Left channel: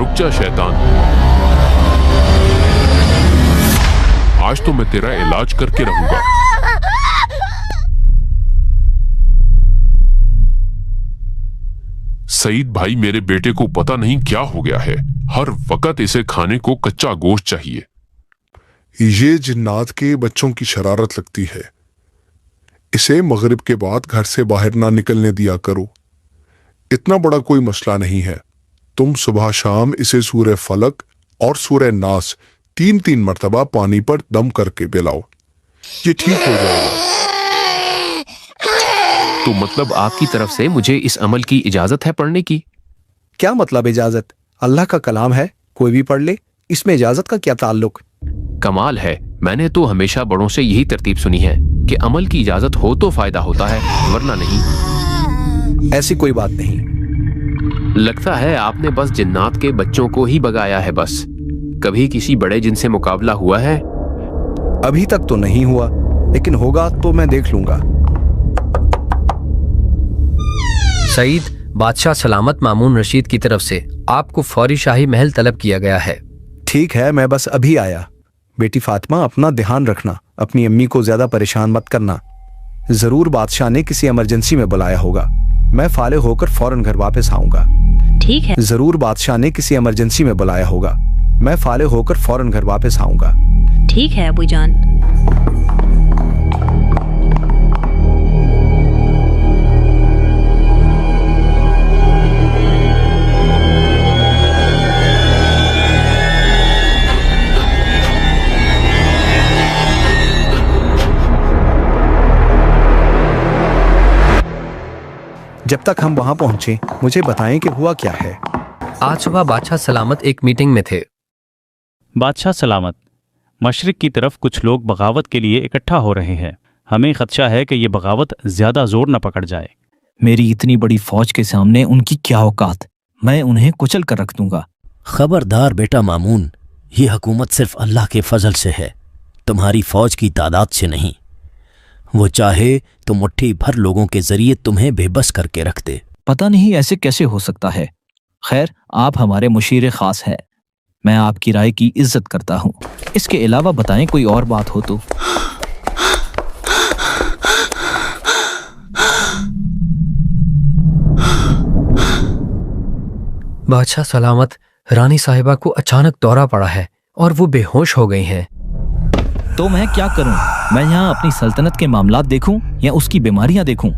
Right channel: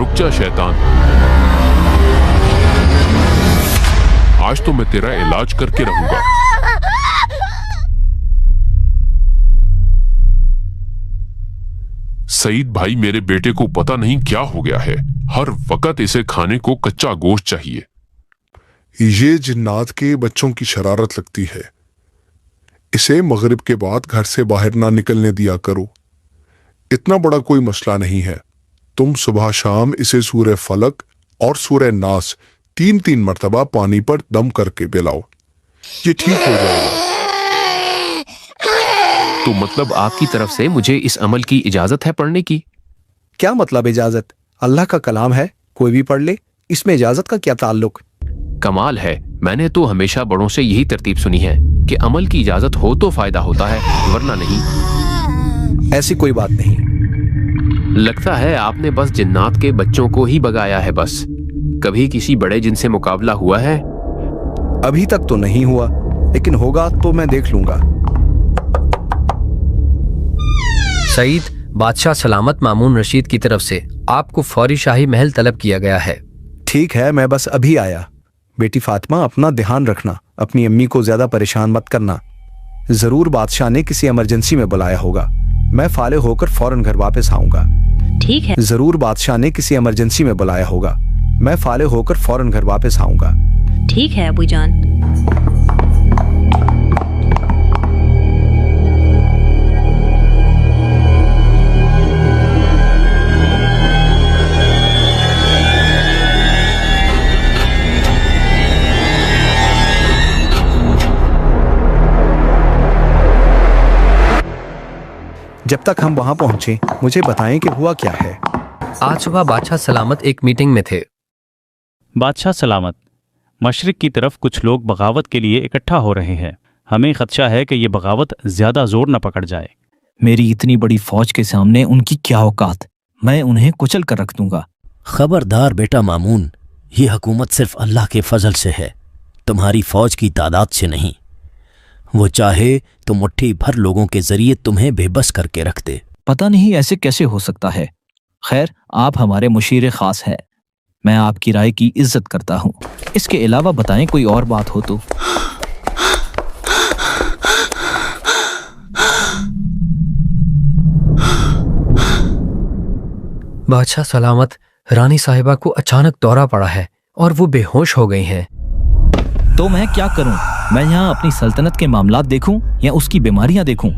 रुक जा शैतान, आज तो मैं तेरा इलाज करके रहूंगा। सईद भाई, मेरे बेटे को पता नहीं क्या हो गया है, हर वक्त इसे खाने को कच्चा गोश्त चाहिए। ये जिन्नात के बच्चों की शरारत लगती है। इसे मगरिब के बाद घर से बाहर ना निकलने दिया करो। इतना बड़ा कोई मसला नहीं है। तुम सुबह शाम इसे सूरह फलक और सूरह नास 3-3 मरतबा पानी पर दम करके पिलाओ, ये ठीक हो जाएगा। तो मतलब आपकी तरफ से मुझे इस अमल की इजाजत है पढ़ने की? क्या मतलब इजाजत? अल्लाह का कलाम है, कोई भी पढ़ ले, इसमें इजाजत का क्या ताल्लुक? कमाल है, मैंने तो हमेशा बड़ों से यही तरतीब सुनी है कि अमल की इजाजत हो तो फायदा होता है, वरना नहीं। ऐसी कोई बात नहीं। लगता है आपने बस जिन्नात के बच्चों को ही भगाया है बस। कभी किसी बड़े जिन से मुकाबला हुआ है? अभी तक तो नहीं हुआ, लेकिन होगा तो मैं देख लूंगा। सईद, बादशाह सलामत मामून रशीद की तरफ से आपको फौरी शाही महल तलब किया गया है। ठीक है, मैं बस अभी आया। बेटी फातिमा, अपना ध्यान रखना, अपनी अम्मी को ज्यादा परेशान मत करना। जरूर बादशाह ने किसी इमरजेंसी में बुलाया होगा। मैं फाले होकर फौरन घर वापस आऊंगा। ठीक है। जरूर बादशाह ने किसी इमरजेंसी में बुलाया होगा। मैं फाले होकर फौरन घर वापस आऊंगा। ठीक है अबू जान। जब तक हम वहां पहुंचे, मुझे बताएं कि हुआ क्या है। आज सुबह बादशाह सलामत एक मीटिंग में थे। बादशाह सलामत, मशरिक की तरफ कुछ लोग बगावत के लिए इकट्ठा हो रहे हैं। हमें खदशा है कि ये बगावत ज्यादा जोर न पकड़ जाए। मेरी इतनी बड़ी फौज के सामने उनकी क्या औकात, मैं उन्हें कुचल कर रख दूंगा। खबरदार बेटा मामून, ये हुकूमत सिर्फ अल्लाह के फजल से है, तुम्हारी फौज की तादाद से नहीं। वो चाहे तो मुट्ठी भर लोगों के जरिए तुम्हें बेबस करके रख दे। पता नहीं ऐसे कैसे हो सकता है। खैर, आप हमारे मुशीर खास हैं, मैं आपकी राय की इज्जत करता हूँ। इसके अलावा बताएं कोई और बात हो तो। बादशाह सलामत, रानी साहिबा को अचानक दौरा पड़ा है और वो बेहोश हो गई हैं। तो मैं क्या करूं? मैं यहाँ अपनी सल्तनत के मामलात देखूं या उसकी बीमारियां देखूं?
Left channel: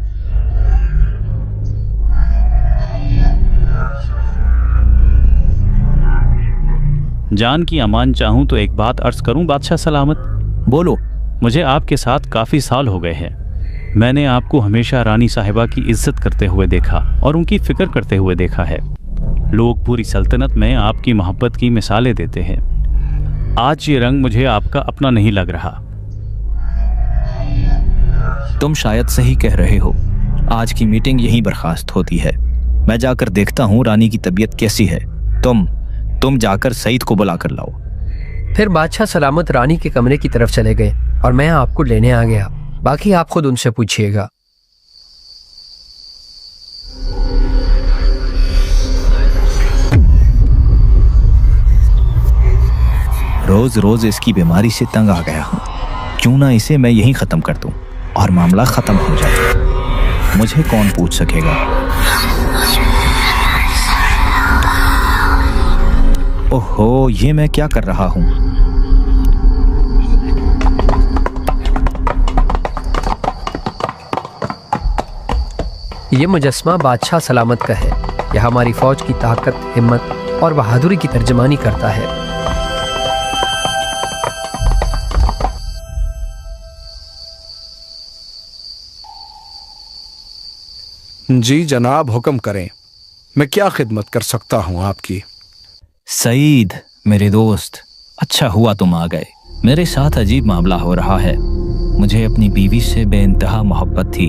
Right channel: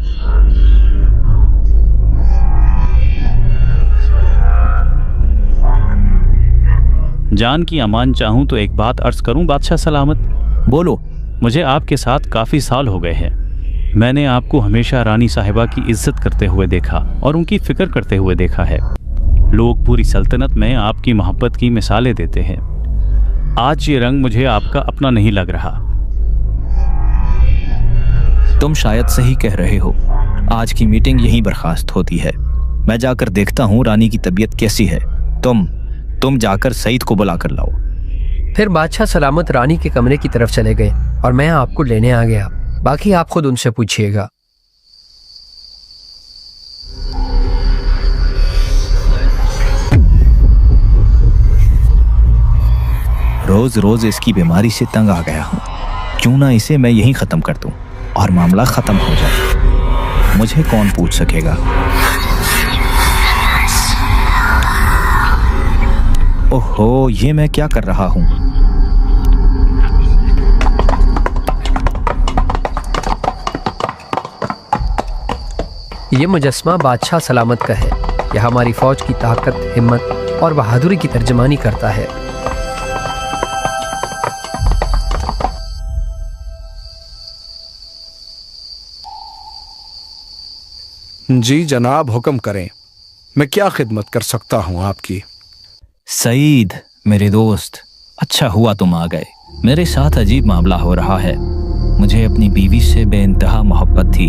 जान की अमान चाहूं तो एक बात अर्ज करूं बादशाह सलामत? बोलो। मुझे आपके साथ काफी साल हो गए हैं। मैंने आपको हमेशा रानी साहिबा की इज्जत करते हुए देखा और उनकी फिक्र करते हुए देखा है। लोग पूरी सल्तनत में आपकी मोहब्बत की मिसालें देते हैं। आज ये रंग मुझे आपका अपना नहीं लग रहा। तुम शायद सही कह रहे हो। आज की मीटिंग यहीं बर्खास्त होती है। मैं जाकर देखता हूँ रानी की तबीयत कैसी है। तुम जाकर सईद को बुला कर लाओ। फिर बादशाह सलामत रानी के कमरे की तरफ चले गए और मैं आपको लेने आ गया। बाकी आप खुद उनसे पूछिएगा। रोज रोज इसकी बीमारी से तंग आ गया हूँ। क्यों ना इसे मैं यहीं खत्म कर दूं और मामला खत्म हो जाए। मुझे कौन पूछ सकेगा? ओहो, ये मैं क्या कर रहा हूँ? ये मुजस्मा बादशाह सलामत का है। यह हमारी फौज की ताकत, हिम्मत और बहादुरी की तर्जमानी करता है। जी जनाब, हुक्म करें, मैं क्या खिदमत कर सकता हूँ आपकी? सईद मेरे दोस्त, अच्छा हुआ तुम आ गए। मेरे साथ अजीब मामला हो रहा है। मुझे अपनी बीवी से बेइंतहा मोहब्बत थी,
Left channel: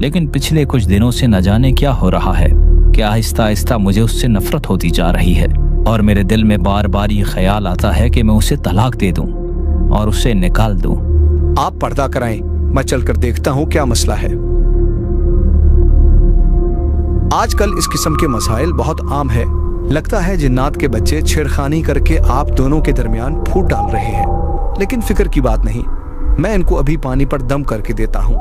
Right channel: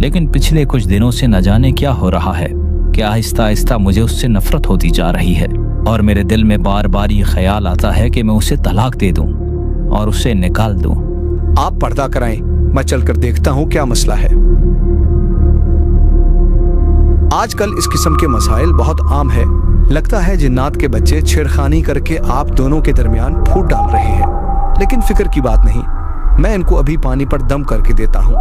लेकिन पिछले कुछ दिनों से न जाने क्या हो रहा है कि आहिस्ता आहिस्ता मुझे उससे नफरत होती जा रही है और मेरे दिल में बार बार ये ख्याल आता है कि मैं उसे तलाक दे दूं और उसे निकाल दूं। आप पर्दा कराएं, मैं चलकर देखता हूँ क्या मसला है। आजकल इस किस्म के मसाइल बहुत आम है। लगता है जिन्नात के बच्चे छेड़खानी करके आप दोनों के दरमियान फूट डाल रहे हैं, लेकिन फिक्र की बात नहीं, मैं इनको अभी पानी पर दम करके देता हूँ।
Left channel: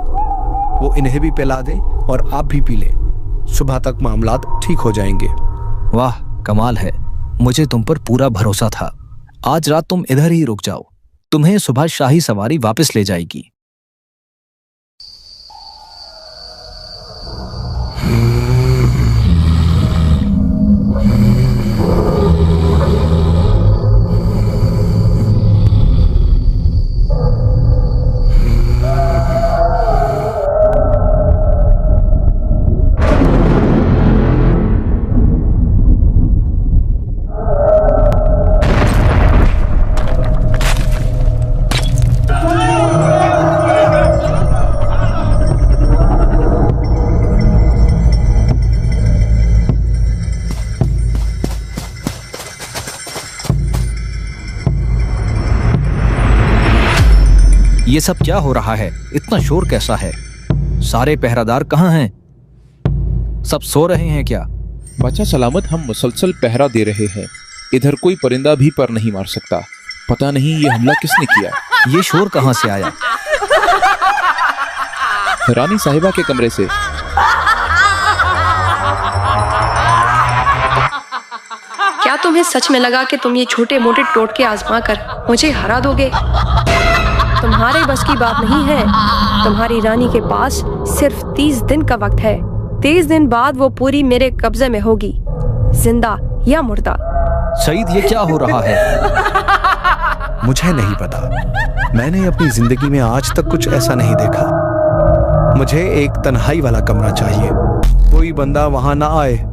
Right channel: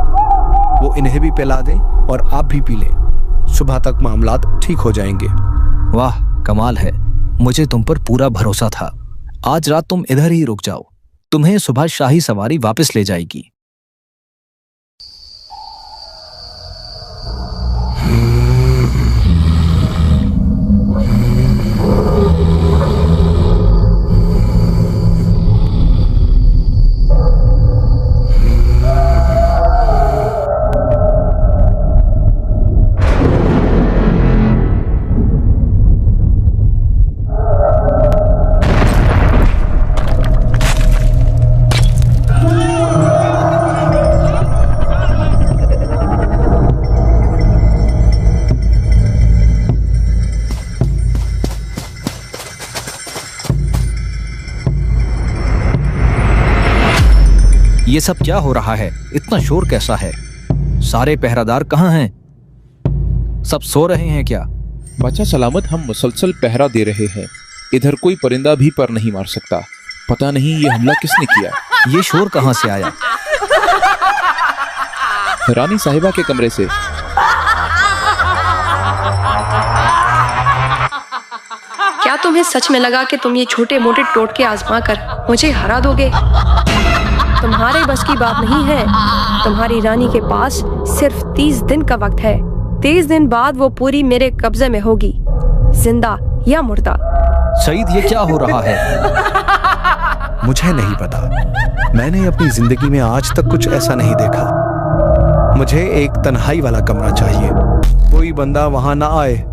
वो इन्हें भी पिला दें और आप भी पी लें। सुबह तक मामलात ठीक हो जाएंगे। वाह, कमाल है। मुझे तुम पर पूरा भरोसा था। आज रात तुम इधर ही रुक जाओ, तुम्हें सुबह शाही सवारी वापस ले जाएगी। ये सब क्या हो रहा है? इतना शोर कैसा है? सारे पहरादार कहाँ हैं? सब सो रहे हैं क्या? बादशाह सलामत, हम मुसलसल पहरा दे रहे हैं। इधर कोई परिंदा भी पर नहीं मार सकता। पता नहीं ये हमला किसने किया। ये शोर कहाँ से आया? रानी साहिबा के कमरे से। क्या तुम्हें सच में लगा कि तुम ये छोटे मोटे टोटके आजमा कर मुझे हरा दोगे? तुम्हारे बस की बात नहीं है। तुम्हारी रानी के पास सिर्फ 30 दिन का वक्त है। 30 दिन बाद वो पूरी मेरे कब्जे में होगी, जिंदा या मुर्दा। सईद, ये क्या हो रहा है? मुझे नहीं पता। मैंने अपनी जिंदगी में आज तक कुछ ऐसा नहीं देखा। मुझे एक तन्हाई वाला कमरा चाहिए, कोई बंदा वहां ना आए।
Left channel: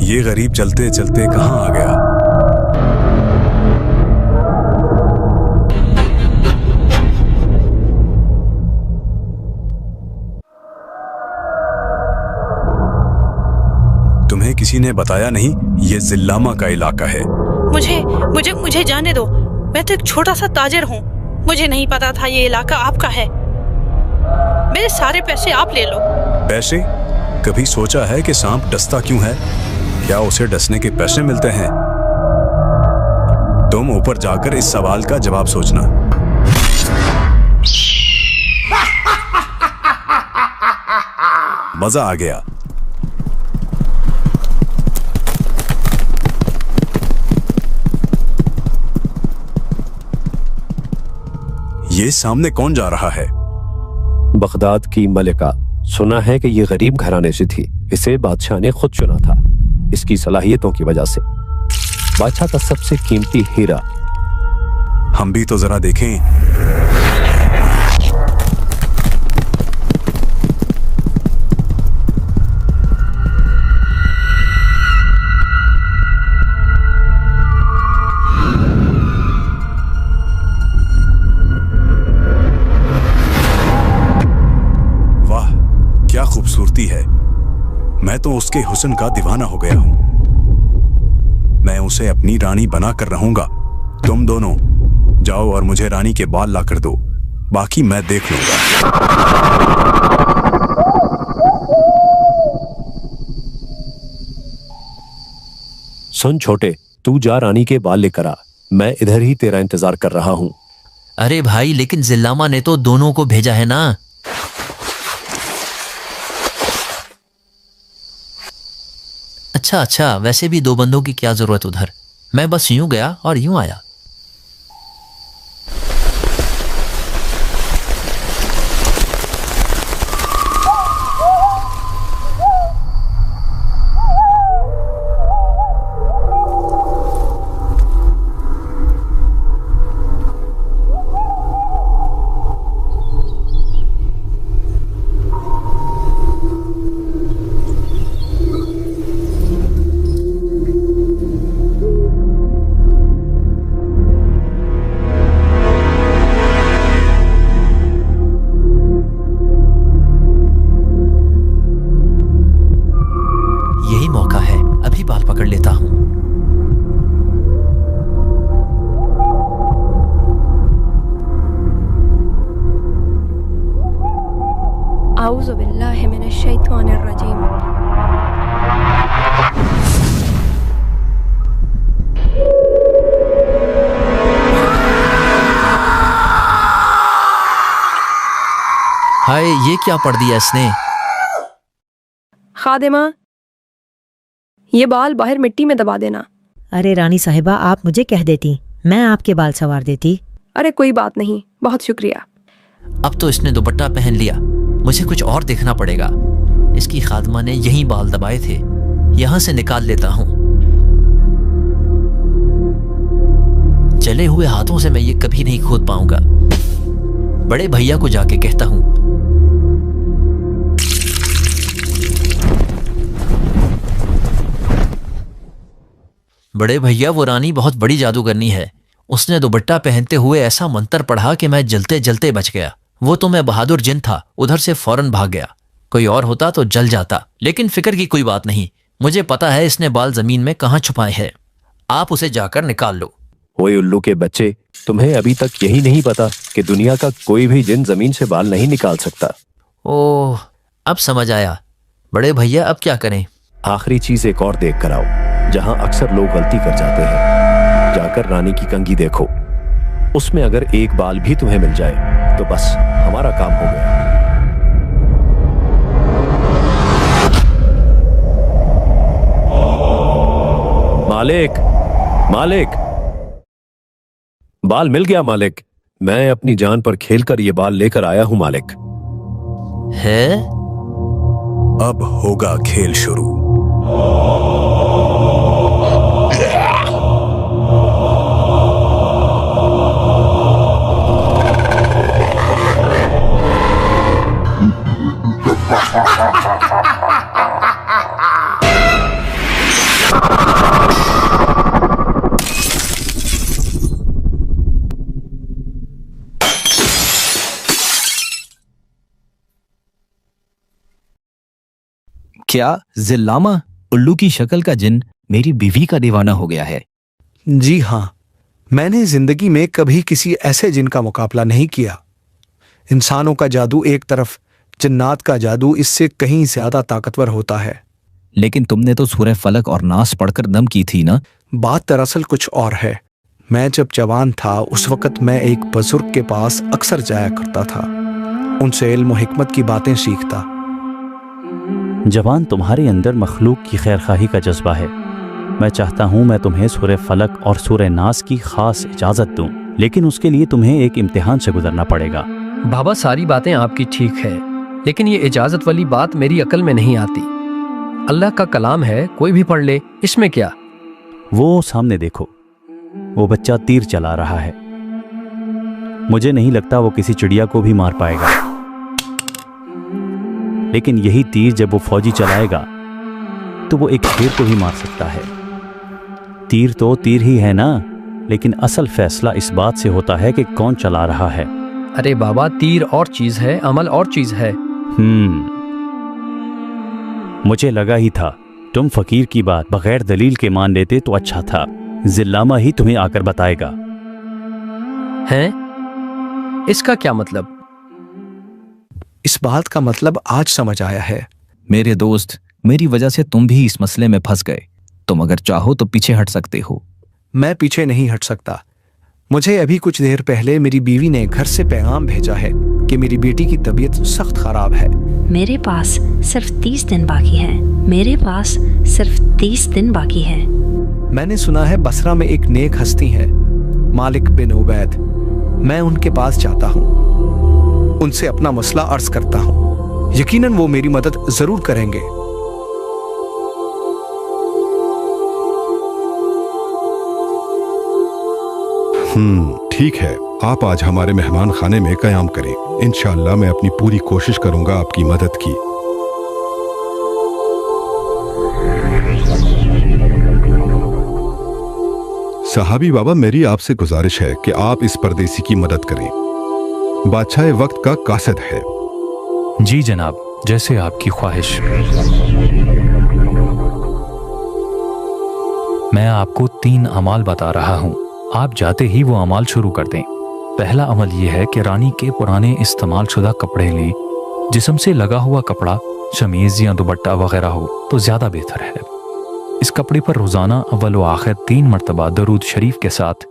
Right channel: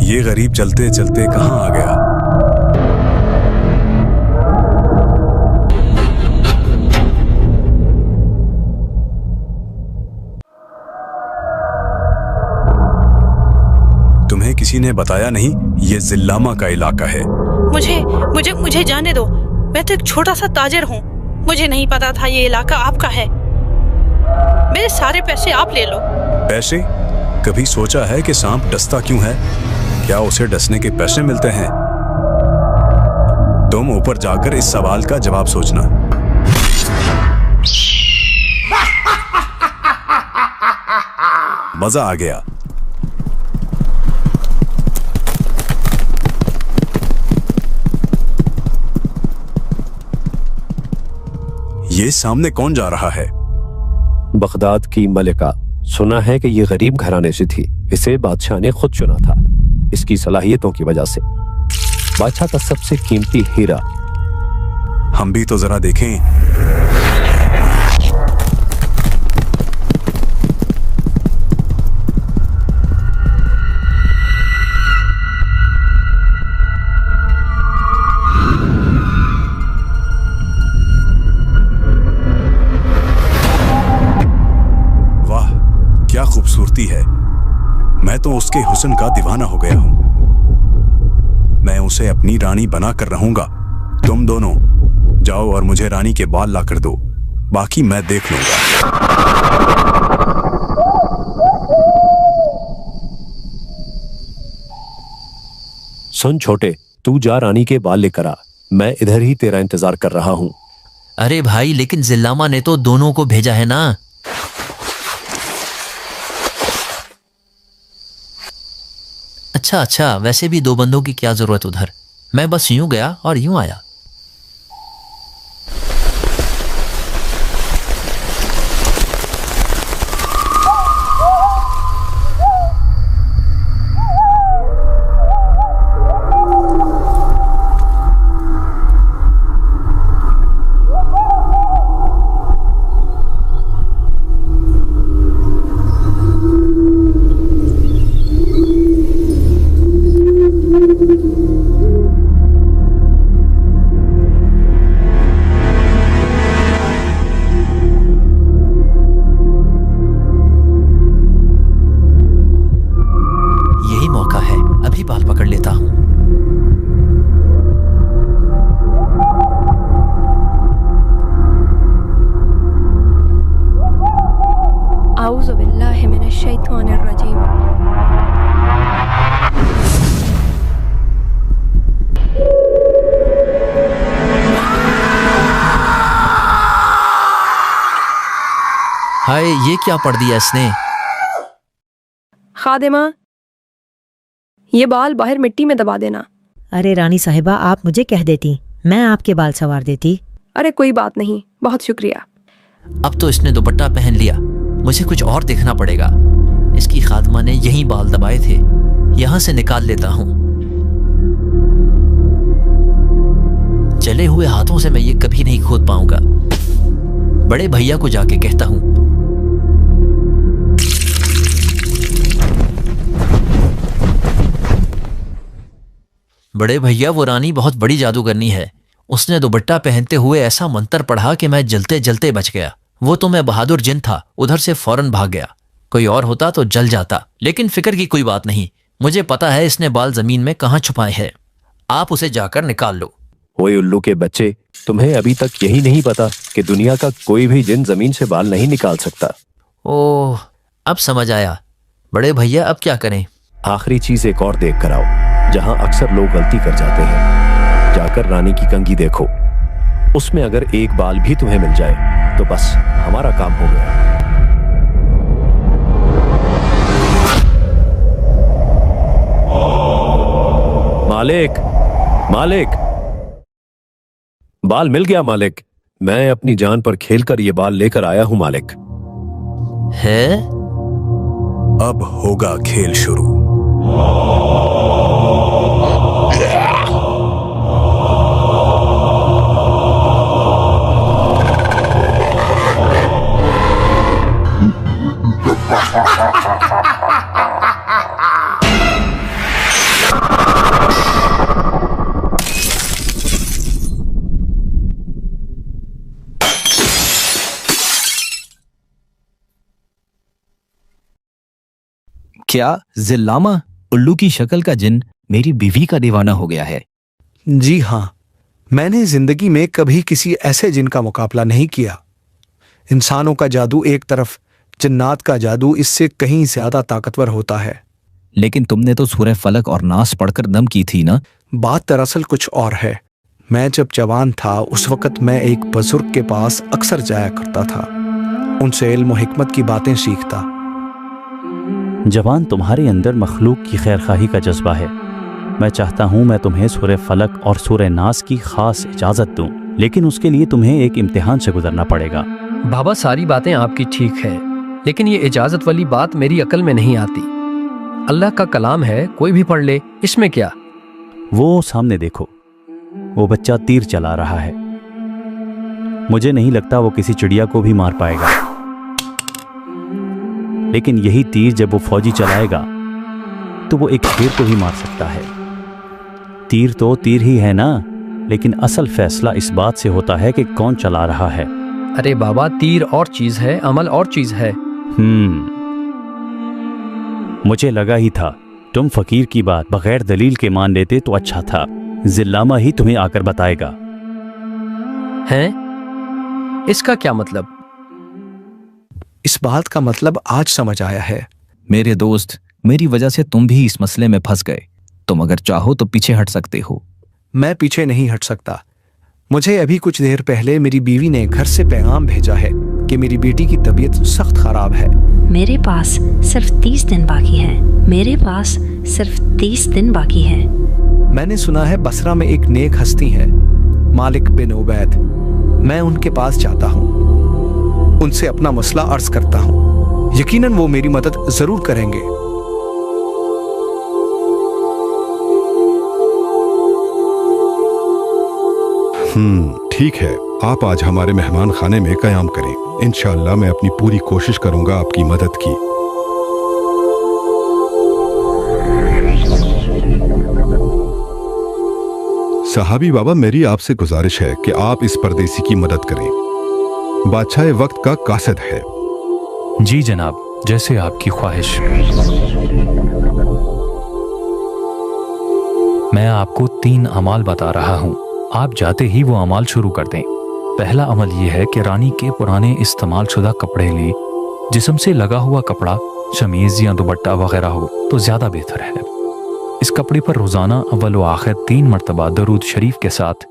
ये गरीब चलते चलते कहां आ गया? तुम्हें किसी ने बताया नहीं ये जिल्लामा का इलाका है? मुझे मुझे मुझे जाने दो। मैं तो एक छोटा सा ताजिर हूँ। मुझे नहीं पता था ये इलाका आपका है। मेरे सारे पैसे आप ले लो। पैसे? कभी सोचा है कि सांप डसता क्यों है? क्या उसे डसने के पैसे मिलते हैं? तुम ऊपर जाकर इस सवाल का जवाब सोचना। मजा आ गया। ये सामने कौन जा रहा है? बगदाद की मलिका। सुना है कि ये गरीब घराने से थी। इसे बादशाह ने खुद चुना था, इसकी सलाहियतों की वजह से। बादशाह का सबसे कीमती हीरा। हम भी तो जरा देखें। वाह, क्या खूबसूरती है। मैं तो उसके हुस्न का दीवाना हो गया हूं। मैं उसे अपनी रानी बनाकर रहूंगा। तुम दोनों जाओ और मुझे रानी के बाल लाकर दो, बाकी मैं देख लूंगा। सुन छोटे, तू जा रानी के बाल लेकर आ। मैं इधर ही तेरा इंतजार कर रहा हूं। अरे भाई, लेकिन जिल्लामा ने तो दोनों को भेजा है ना। अच्छा, वैसे भी 2 बंदों की क्या जरूरत उधर। मैं बस यूं गया और यूं आया। यही मौका है, अभी बाल पकड़ लेता हूँ। आऊज़ु बिल्लाहि मिनश शैतानिर रजीम। हाय, ये क्या पढ़ दिया इसने? खादिमा, ये बाल बाहर मिट्टी में दबा देना। अरे रानी साहिबा, आप मुझे कह देती, मैं आपके बाल संवार देती। अरे कोई बात नहीं, बहुत शुक्रिया। अब तो इसने दुपट्टा पहन लिया, मुझे कुछ और देखना पड़ेगा। इसकी खादमा ने यहीं बाल दबाए थे, यहां से निकाल लेता हूं। जले हुए हाथों से मैं ये कभी नहीं खोद पाऊंगा। बड़े भैया को जाके कहता हूं। बड़े भैया, वो रानी बहुत बड़ी जादूगरनी है। उसने दुपट्टा पहनते हुए ऐसा मंत्र पढ़ा कि मैं जलते जलते बच गया। वो तो मैं बहादुर जिन था, उधर से फौरन भाग गया। कोई और होता तो जल जाता, लेकिन फिक्र की कोई बात नहीं। मुझे पता है इसने बाल जमीन में कहाँ छुपाए हैं। आप उसे जाकर निकाल लो। ओए उल्लू के बच्चे, तुम्हें अभी तक यही नहीं पता कि दुनिया का कोई भी जिन जमीन से बाल नहीं निकाल सकता। ओह, अब समझ आया। बड़े भैया, अब क्या करें? आखिरी चीज एक और देख कर आओ, जहां अक्सर लोग गलती कर जाते हैं। जाकर रानी की कंघी देखो, उसमें अगर एक बाल भी तुम्हें मिल जाए तो बस हमारा काम हो गया। मालिक, मालिक, बाल मिल गया मालिक। मैं अपनी जान पर खेलकर ये बाल लेकर आया हूं मालिक। है? अब होगा खेल शुरू। क्या जिल्लामा, उल्लू की शक्ल का जिन मेरी बीवी का दीवाना हो गया है? जी हाँ, मैंने जिंदगी में कभी किसी ऐसे जिन का मुकाबला नहीं किया। इंसानों का जादू एक तरफ, जिन्नात का जादू इससे कहीं ज्यादा ताकतवर होता है। लेकिन तुमने तो सूरह फलक और नास पढ़कर दम की थी ना? बात दरअसल कुछ और है। मैं जब जवान था उस वक्त मैं एक बुजुर्ग के पास अक्सर जाया करता था, उनसे इल्म और हिकमत की बातें सीखता। जवान, तुम्हारे अंदर मखलूक की खैरखाही का जज्बा है। मैं चाहता हूँ मैं तुम्हें सूरह फलक और सूरह नास की खास इजाज़त दूँ, लेकिन उसके लिए तुम्हें एक इम्तिहान से गुजरना पड़ेगा। बाबा, सारी बातें आपकी ठीक है, लेकिन ये इजाज़त वाली बात मेरी अकल में नहीं आती। अल्लाह का कलाम है, कोई भी पढ़ ले, इसमें क्या? वो सामने देखो, वो बच्चा तीर चला रहा है। मुझे नहीं लगता वो किसी चिड़िया को भी मार पाएगा, लेकिन यही तीर जब वो फौजी चलाएगा तो वो एक शेर को ही मार सकता है। तीर तो तीर ही है ना, लेकिन असल फैसला इस बात से होता है कि कौन चला रहा है। अरे बाबा, तीर और चीज है, अमल और चीज है। मुझे लगा ही था तुम फकीर की बात बगैर दलील के मान लेते तो अच्छा था। जिल्लामा ही तुम्हें आकर बताएगा। हैं? इसका क्या मतलब? इस बात का मतलब आज समझ आया है। मेरे दोस्त, मेरी वजह से तुम भी इस मसले में फंस गए। तुम अगर चाहो तो पीछे हट सकते हो। मैं पीछे नहीं हट सकता। मुझे अभी कुछ देर पहले मेरी बीवी ने घर से पैगाम भेजा है कि मेरी बेटी की तबीयत सख्त खराब है। मेरे पास सिर्फ 30 दिन बाकी है। मेरे पास सिर्फ 30 दिन बाकी है। मैंने सुना है बसरा में एक नेक हस्ती है, मालिक बिन उबैद। मैं उनके पास जाता हूँ, उनसे अपना मसला अर्ज करता हूँ। यकीनन वो मेरी मदद जरूर करेंगे। ठीक है, आप आज हमारे मेहमान खाने में कयाम करें। इंशाअल्लाह मैं अपनी पूरी कोशिश करूंगा आपकी मदद की। सहाबी बाबा, मेरी आपसे गुजारिश है कि आप इस परदेसी की मदद करें। बादशाह वक्त का कासिद है। जी जनाब, जैसे आपकी ख्वाहिश। मैं आपको 3 अमाल बता रहा हूँ, आप जाते ही वो अमाल शुरू कर दें। पहला अमल यह है कि रानी के पुराने इस्तेमाल शुदा कपड़े लें। जिस्म से लगा हुआ कपड़ा, शमीज या दुपट्टा वगैरह हो तो ज्यादा बेहतर है। इस कपड़े पर रोजाना अव्वल व आखिर 3 मरतबा दरूद शरीफ के साथ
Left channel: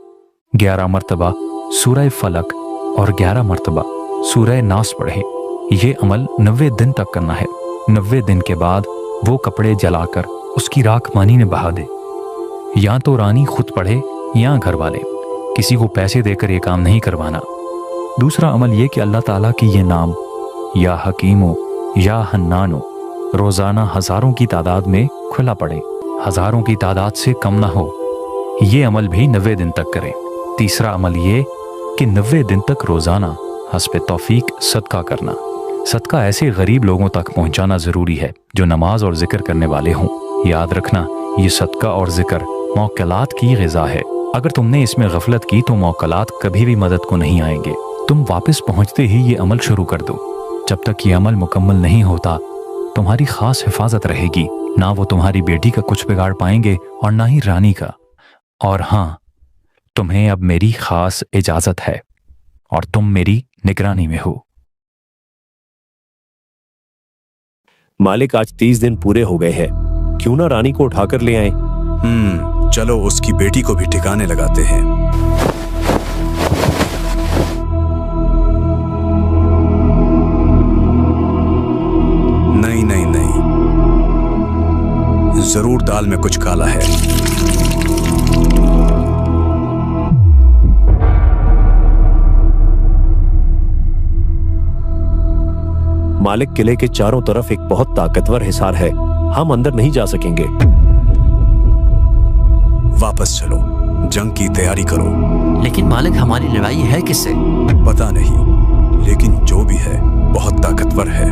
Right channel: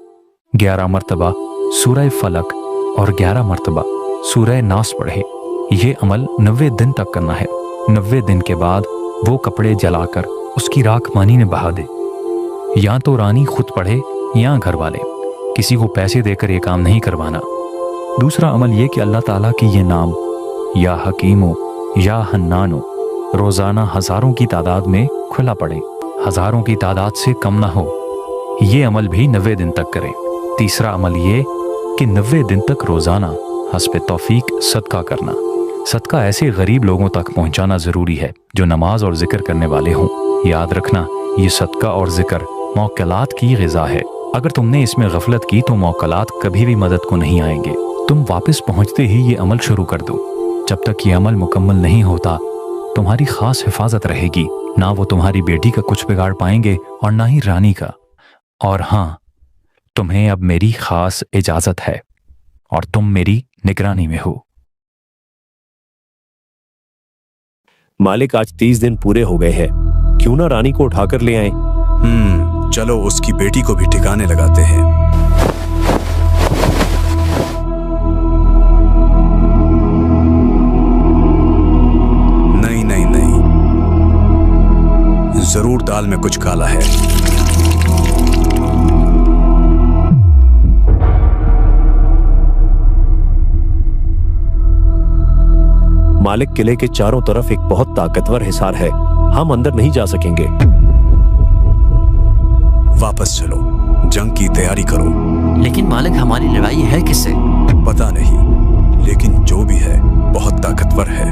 11 मरतबा सूरह फलक और 11 मरतबा सूरह नास पढ़े। ये अमल 90 दिन तक करना है। 90 दिन के बाद वो कपड़े जलाकर उसकी राख पानी में बहा दे। या तो रानी खुद पढ़े या घर वाले, किसी को पैसे देकर ये काम नहीं करवाना। दूसरा अमल ये कि अल्लाह ताला की ये नाम या हकीमो या हन्नानो रोजाना हजारों की तादाद में खुला पड़े, हजारों की तादाद से कम ना हो। ये अमल भी 90 दिन तक करें। तीसरा अमल ये कि 90 दिन तक रोजाना हस्ब तौफीक सदका करना। सदका ऐसे गरीब लोगों तक पहुंचाना जरूरी है जो नमाज और जिक्र करने वाले हों। याद रखना, ये सदका और जिक्र मौकलात की ग़िज़ा है। अगर तुमने इसमें गफलत की तो मौकलात कभी भी मदद को नहीं आएंगे। तुम वापस पहुंचते ही ये अमल शुरू कर दो। जब तक ये अमल मुकम्मल नहीं होता तुम्हारी खास हिफाजत रहेगी। ना वो तुम्हारी बेटी का कुछ बिगाड़ पाएंगे और ना ही रानी का। और हाँ, तुम्हें अब मेरी खास इजाजत है और तुम मेरी निगरानी में हो। मालिक, आज 30 दिन पूरे हो गए हैं, क्यों ना रानी को उठाकर ले आए? चलो उसकी बेटी को भी ठिकाने लगाते हैं। नहीं नहीं नहीं, जरूर दाल में कुछ काला है। मालिक, किले के चारों तरफ एक बहुत ताकतवर हिसार है, हम अंदर नहीं जा सकेंगे। वापस चलो, जंग की तैयारी करो। लेकिन मालिक, हमारी लड़ाई है किससे? पता नहीं, लेकिन जो भी है बहुत ताकतवर है।